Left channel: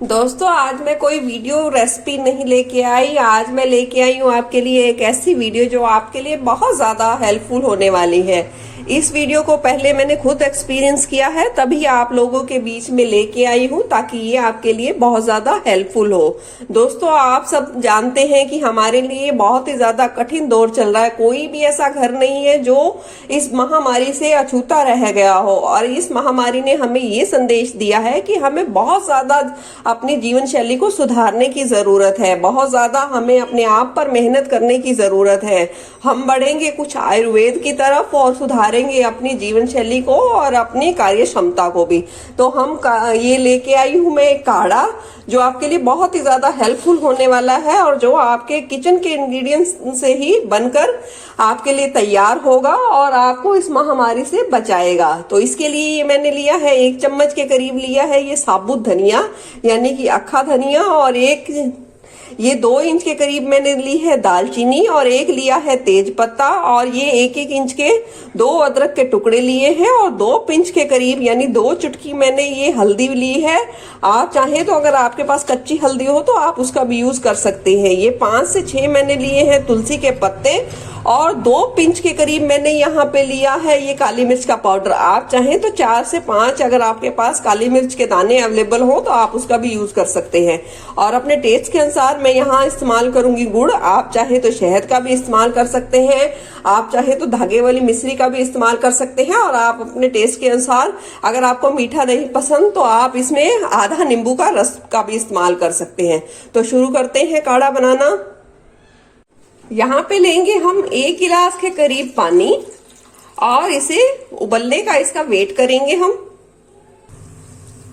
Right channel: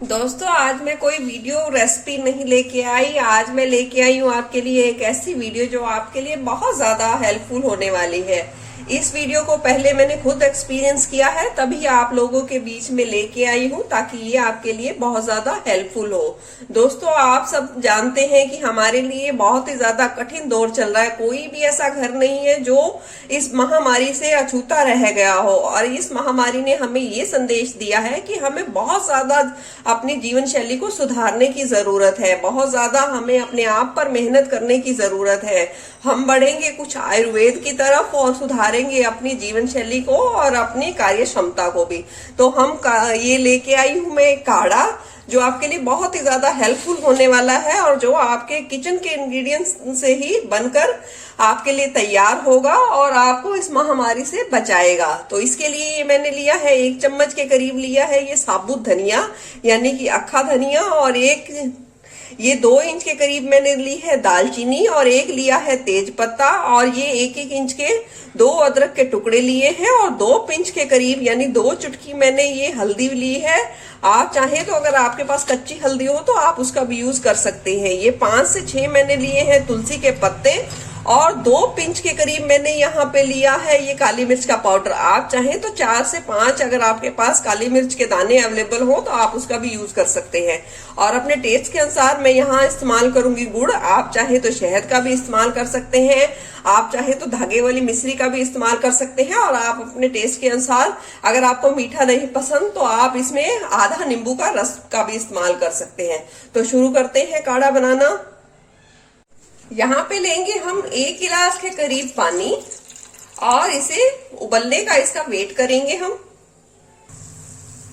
दोस्तों, आज मैं कोई वीडियो रेसिपी नहीं लेके आई। आज मैं लेके आई हूँ आपके लिए एक ऐसी वीडियो जो आपके लिए बहुत ज्यादा हेल्पफुल होने वाली है। इस वीडियो को पहले मैंने खुद एक्सपीरियंस किया है, तभी आप लोगों के बीच में लेके आई हूँ ताकि ये आपके लिए बहुत ज्यादा हेल्पफुल हो। दोस्तों, आप सब जानते हैं कि हमारे लिए बहुत ही ज्यादा कठिन दौर चल रहा है। कोई भी ऐसा घर नहीं है जो इस महामारी से अछूता रह गया हो, और इस महामारी ने हमें ये संदेश दिया है कि हमें बहुत ज्यादा अपनी जीवन शैली को सुधारने की जरूरत है। बहुत ज्यादा हमें अपने आप पर मेहनत करने की जरूरत है। हम बढ़ेंगे कुछ आयुर्वेद की तरफ और सुधारेंगे अपनी जीवन शैली को और अपनी कार्य क्षमता को भी। तो हम ये लेके आई हूं मैं एक काढ़ा जो आपके लिए बहुत ही ज्यादा हेल्पफुल होने वाला है, और जो आपके किचन के इंग्रेडिएंट्स से ही बनकर आपके लिए तैयार होगा और आपको इस महामारी से बचाएगा। तो इसके लिए ये मैंने लिया है 1 चम्मच के करीब लिया है ये साबुत धनिया, यानी कि अक्खा धनिया, और ये 2 इंच के करीब मैंने ली है दालचीनी, और एक लिया है तेज पत्ता, और ये 1-1 इंच के 2 अदरक के टुकड़े लिए हैं, और 2 पिंच के करीब यानी 2 चुटकी मैंने ये हल्दी ली है। आप चाहें तो अगर आपके पास कच्ची हल्दी हो तो आप उसका भी यूज कर सकते हैं। ये 5 से 6 मैंने लिए हैं तुलसी के पत्ते, और 2 पिंच के करीब मैंने यहाँ पे लिया है ये काली मिर्च का पाउडर। आप चाहें तो 4 से 5 अगर आपके पास काली मिर्च के दाने अवेलेबल हो तो आप उसका भी यूज कर सकते हैं। और अपने टेस्ट के अनुसार मैं यहाँ इस्तेमाल करूंगी गुड़। आप चाहे तो शहद का भी इस्तेमाल कर सकते हैं, आप चाहे तो धागे वाली मिश्री का भी इस्तेमाल कर सकते हैं, और आप अपने टेस्ट के अनुसार अगर आपको मीठा नहीं पसंद तो आप इसमें आधा नींबू का रस का भी इस्तेमाल कर सकते हैं। तो शुरू करते हैं काढ़ा बनाना। यहाँ पे लेंगे हम 1 गिलास के करीब पानी, और इसे उबलने का इसका वेट करेंगे हम।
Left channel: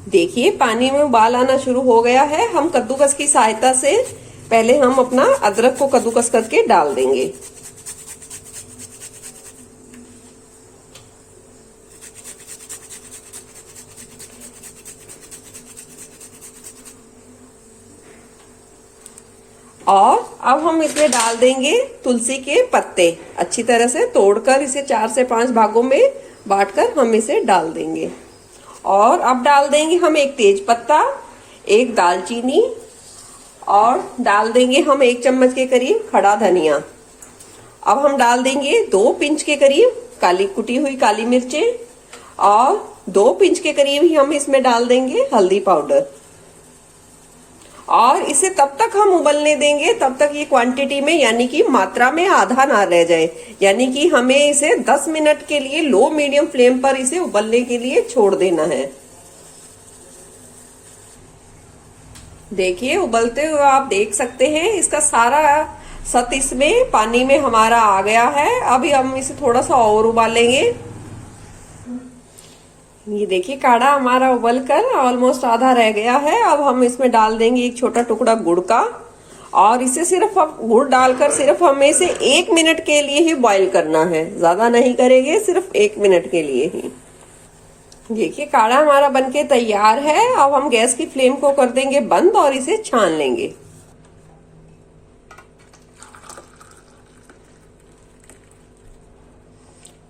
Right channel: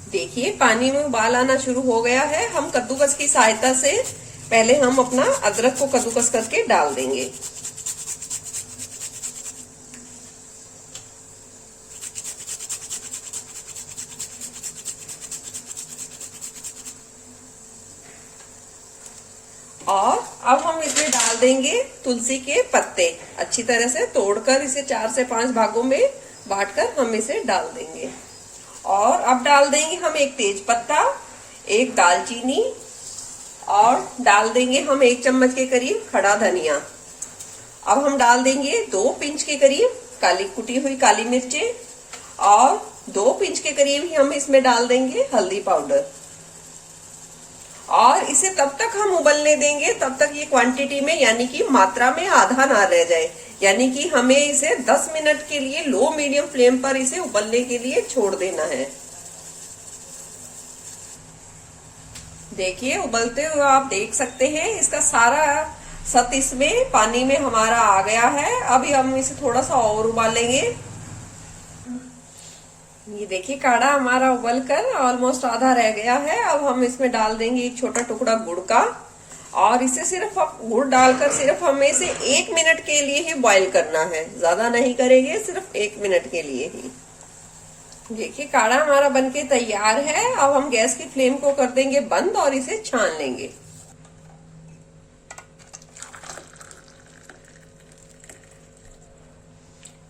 देखिए पानी में उबाल आना शुरू हो गया है। हम कद्दूकस की सहायता से पहले हम अपना अदरक को कद्दूकस करके डाल देंगे। और अब हम इसमें डाल देंगे तुलसी के पत्ते। अच्छी तरह से तोड़कर इसे 4 से 5 भागों में बांटकर हम इसे डाल देंगे। और अब डाल देंगे हम 1 तेज पत्ता, 1 दालचीनी, और डाल देंगे हम 1 चम्मच के करीब खड़ा धनिया। अब हम डाल देंगे 2 पिंच के करीब कुटी हुई काली मिर्चें, और 2 पिंच के करीब ही हम इसमें डाल देंगे हल्दी पाउडर। और इसे तब तक हम उबलने देंगे तब तक ये क्वांटिटी में यानी कि मात्रा में आधा ना रह जाए। यानी कि हमें इसे 10 मिनट के लिए लो मीडियम फ्लेम पर इसे उबलने के लिए छोड़ देना है। देखिए उबलते हुए आप देख सकते हैं इसका सारा सत इसमें पानी में हमारा आ गया है। अभी हम इसे थोड़ा सा और उबालेंगे। ये देखिए काढ़ा हमारा उबलकर ऑलमोस्ट आधा रह गया है। अब हम इसमें डाल देंगे 1 छोटा टुकड़ा गुड़ का, और इसे सिर्फ अब गुड़ डालकर सिर्फ हमें इसे 1 मिनट के लिए ही बॉईल करना है, ज्यादा नहीं करेंगे, सिर्फ 1 मिनट के लिए ही। देखिए काढ़ा हमारा बनके तैयार है। अब हम गैस की फ्लेम को कर देंगे बंद और इसे छान लेंगे।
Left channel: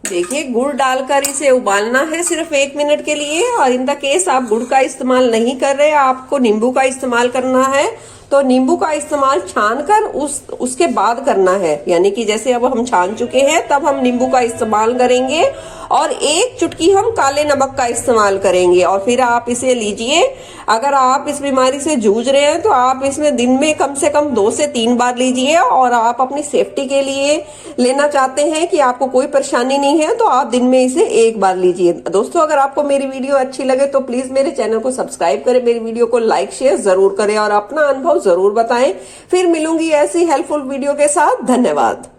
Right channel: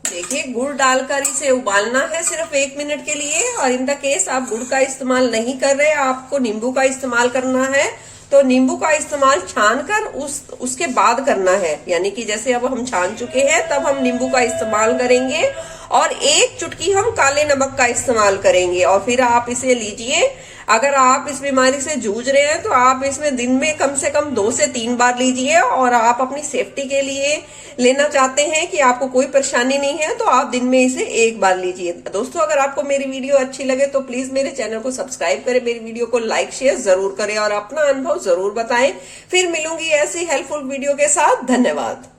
देखिए गुड़ डालकर इसे उबालना है सिर्फ 1 मिनट के लिए। और इन द केस आप गुड़ का इस्तेमाल नहीं कर रहे, आपको नींबू का इस्तेमाल करना है, तो नींबू का इस्तेमाल छानकर उसके बाद करना है। यानी कि जैसे अब हम छान चुके हैं तब हम नींबू का इस्तेमाल करेंगे, और 1 चुटकी हम काले नमक का इस्तेमाल करेंगे। और फिर आप इसे लीजिए। अगर आप इस बीमारी से जूझ रहे हैं तो आप इसमें दिन में कम से कम 2 से 3 बार लीजिए, और आप अपनी सेफ्टी के लिए लेना चाहते हैं कि आपको कोई परेशानी नहीं है तो आप दिन में इसे 1 बार लीजिए। दोस्तों, अगर आपको मेरी वीडियो अच्छी लगे तो प्लीज मेरे चैनल को सब्सक्राइब करें, मेरी वीडियो को लाइक शेयर जरूर करें, और अपना अनुभव जरूर बताएं। फिर मिलूंगी ऐसी हेल्पफुल वीडियो के साथ। धन्यवाद।